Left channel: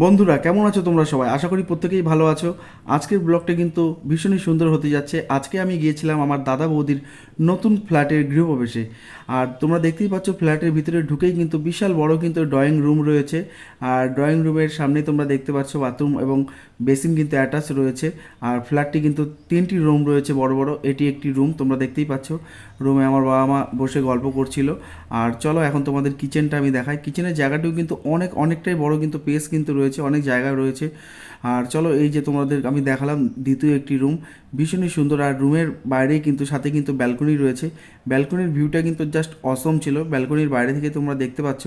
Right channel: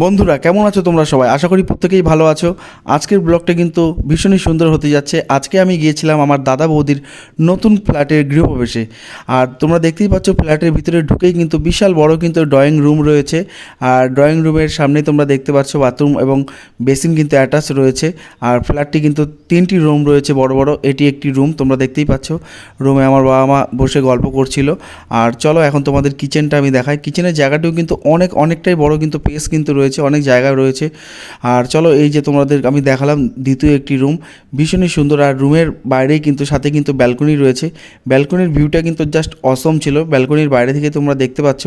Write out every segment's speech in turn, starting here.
বন্ধুরা, কেমন আছো তোমরা সবাই? আশা করি প্রত্যেকেই ভালো আছো। আজকের ব্লগটা কিন্তু ভীষণই সুন্দর হতে যাচ্ছে। আজকে আমি গিয়েছিলাম আমার দাদা বৌদির নতুন ফ্ল্যাটের গৃহপ্রবেশে। আর তোমরা দেখতেই পাচ্ছ, ফ্ল্যাটের ভিতরে ঢুকেই কিন্তু বিশাল বড় কিন্তু ড্রয়িং রুম রয়েছে। আর ড্রয়িং রুমের সামনে তোমরা দেখতে পাচ্ছ বাথরুম এবং বেসিন কিন্তু অ্যাটাচ রয়েছে। আর ফ্ল্যাটটি কিন্তু তিনটি রুম রয়েছে বড় বড়। এটি একটি রুম তোমরা দেখতেই পাচ্ছ। রুমে আমার বাবা মা বসে গল্প করছিল। আর চলো এখন তোমাদের কিচেনটা আমি দেখাই। কিচেনের জায়গাটিও কিন্তু অনেক, অনেকটাই বড় কিন্তু পেস কিন্তু রয়েছে, অনেক জায়গা রয়েছে। আর চলো এই যে তোমাদের আমি দেখালাম দ্বিতীয় একটি রুম ভীষণই সুন্দর। আর রুমের বাইরেই কিন্তু, সাথে কিন্তু ব্যালকনি রয়েছে। ব্যালকনির ভিউটা কিন্তু জাস্ট অসম ছিল। ব্যালকনির বাইরে থেকে তোমরা দেখতে পাচ্ছ,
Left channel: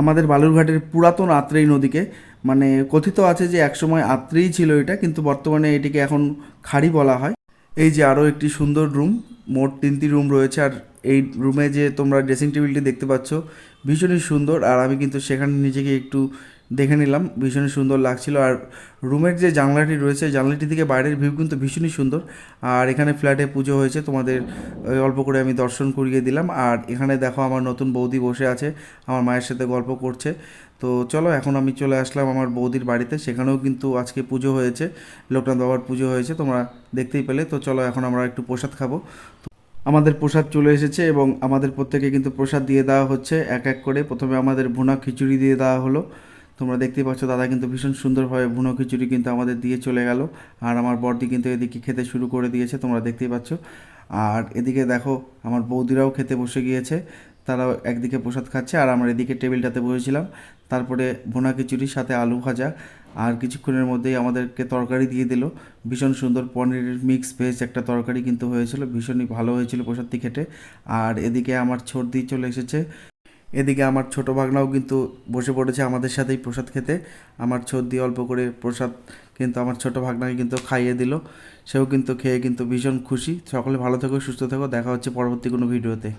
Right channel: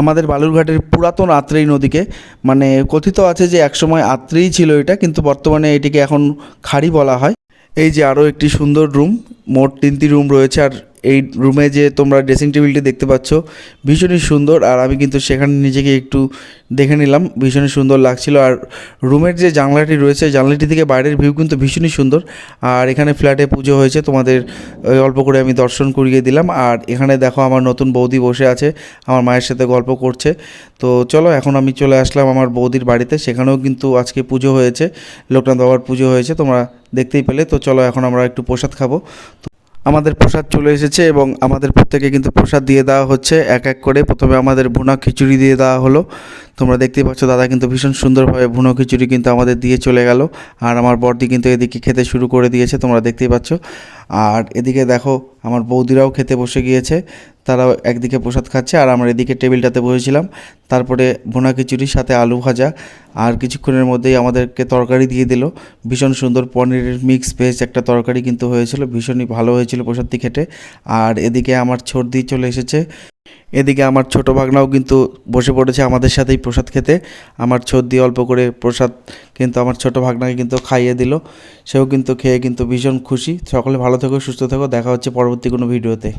আমাদের বালুরঘাটের পুরাতন আত্রেই নদীকে। মানে কথিত আছে যে একসময় আত্রেই ছিল এটা, কিন্তু বর্তমানে এটিকে এখন খাড়ি বলা হয়। এই যে আরও একটি সুন্দর রুম মোট তিনটি রুম রয়েছে। আর এই রুমে যে তোমরা ড্রেসিং টেবিলটি দেখতে পাচ্ছ, ভীষণই সুন্দর। আর আমি কিন্তু সেখানে নিজেকে একটু দেখে নিলাম, ভীষণই সুন্দর লাগছিল। আর রুমের যে জানলাটি রয়েছে, জানলাটি থেকে বাইরের ভিউ কিন্তু ভীষণই সুন্দর। আর এখানে ফ্ল্যাটে পুজো হয়েছে, তোমাদের অল্প করে আমি দর্শন করিয়ে দিলাম। আর এখানে দেখো আমার নতুন বৌদি বসে আছে, আমার মায়ের সাথে গল্প করছে। তো চলো, এখন আমি চলে আসলাম আমার বৌদির বাড়িতে। সেখানেও কিন্তু আজকে পুজো হয়েছে, লোকনাথ বাবার পুজো হয়েছে, তোমরা দেখতেই পেলে। তো চলো, এখন আমরা একটু প্রসাদ খাব। তো আমাদের প্রসাদ চলে এসেছে এবং আমাদের প্রত্যেকে কিন্তু প্রসাদ দিয়ে দেওয়া হচ্ছে, এক এক করে। প্রথমে আমাদের ভুনা খিচুড়ি দিয়ে দেওয়া হলো। তোমরা দেখতে পাচ্ছ, দাদা কিন্তু ভীষণ সুন্দরভাবে ভুনো খিচুড়ি কিন্তু আমাদের দিয়ে চলে গেল। আর আমার বর্দি কিন্তু এদিকে খেতে শুরু করে দিয়েছে, তোমরা দেখতেই পাচ্ছ। আর এদিকে দেখো, আমার বৌদিরাও খেতে বসে গিয়েছে। তারাও একদিকে প্রসাদ খাচ্ছে আর আমরা এদিকে টেবিলটাতে বসেছিলাম। তারপরে ভুনা খিচুড়ির সাথে আলু ভাজা আর কিছুক্ষণের মধ্যেই আমাদেরকে তরকারি দিয়ে দিল। ভীষণ সুন্দর পনিরের মিক্স ভেজ একটা তরকারি কিন্তু হয়েছিল, ভীষণই ভালো হয়েছিল প্রসাদটি খেতে। আর এদিকে আমার সর্দি চলে এসেছে। এদিকে আমার ছোটো ভাগনাও কিন্তু বসে পড়েছে আমাদের সাথেই প্রসাদ খেতে। আমার সর্দি অল্প করে প্রসাদ কিন্তু আমার ছোটো ভাগনাকে কিন্তু খাইয়ে দিল। সেও কিন্তু খেয়ে কিন্তু ভীষণ খুশি। সকলে ভালো থেকো, সুস্থ থেকো। দেখা হচ্ছে পরবর্তী কোনো ভিডিওতে।